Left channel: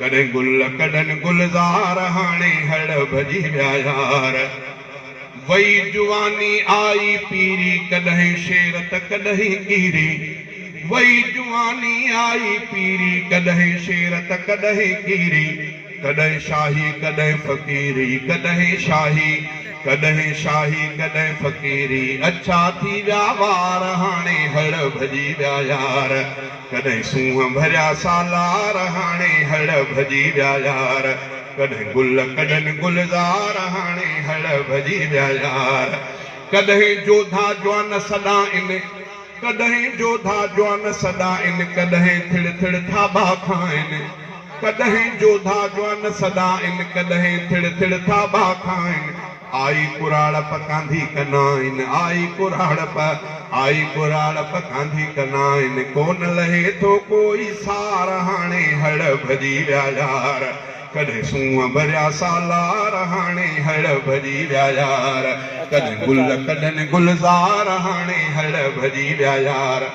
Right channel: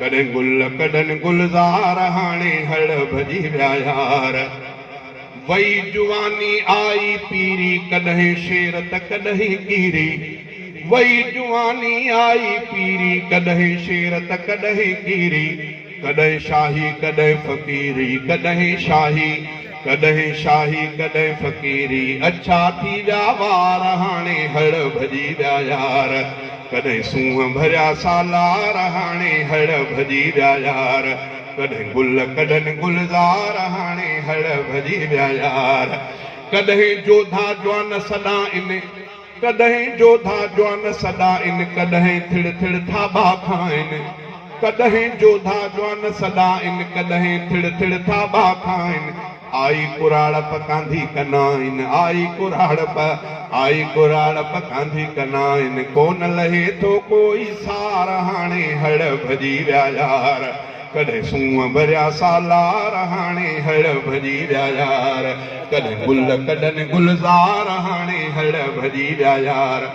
कॾहिं गुल कॾनि गुलज़ार हाणे हड़ भॼी विया यार वई जुवानी आई पीरी कॾहिं शेर त कॾहिं कीरी वई जुवानी आई पीरी कॾहिं शेर त कॾहिं कीरी कॾहिं शाही कॾहिं फ़क़ीरी कॾहिं शाही कॾहिं फ़क़ीरी अच्छा थी विया वार हाणे हड़ भॼी विया यार कॾहिं सूंहं भरिया सालार हाणे हड़ भॼी विया यार कॾहिं गुल कॾनि गुलज़ार हाणे हड़ भॼी विया यार कॾहिं जोधा जवान सॾा इन कॾहिं जोधा जवान सॾा इन कॾहिं थिड़ थिड़ थाबा खाइनि कॾहिं जोधा जवान सॾा इन कॾहिं थिड़ थिड़ थाबा खाइनि आई कुराड़प कांधी कनाइन आई कुराड़प कांधी कनाइन कोन लहे थो कोई सार हाणे हड़ भॼी विया यार कॾहिं सूंहं भरिया सालार हाणे हड़ भॼी विया यार कॾहिं गुल कॾनि गुलज़ार हाणे हड़ भॼी विया यार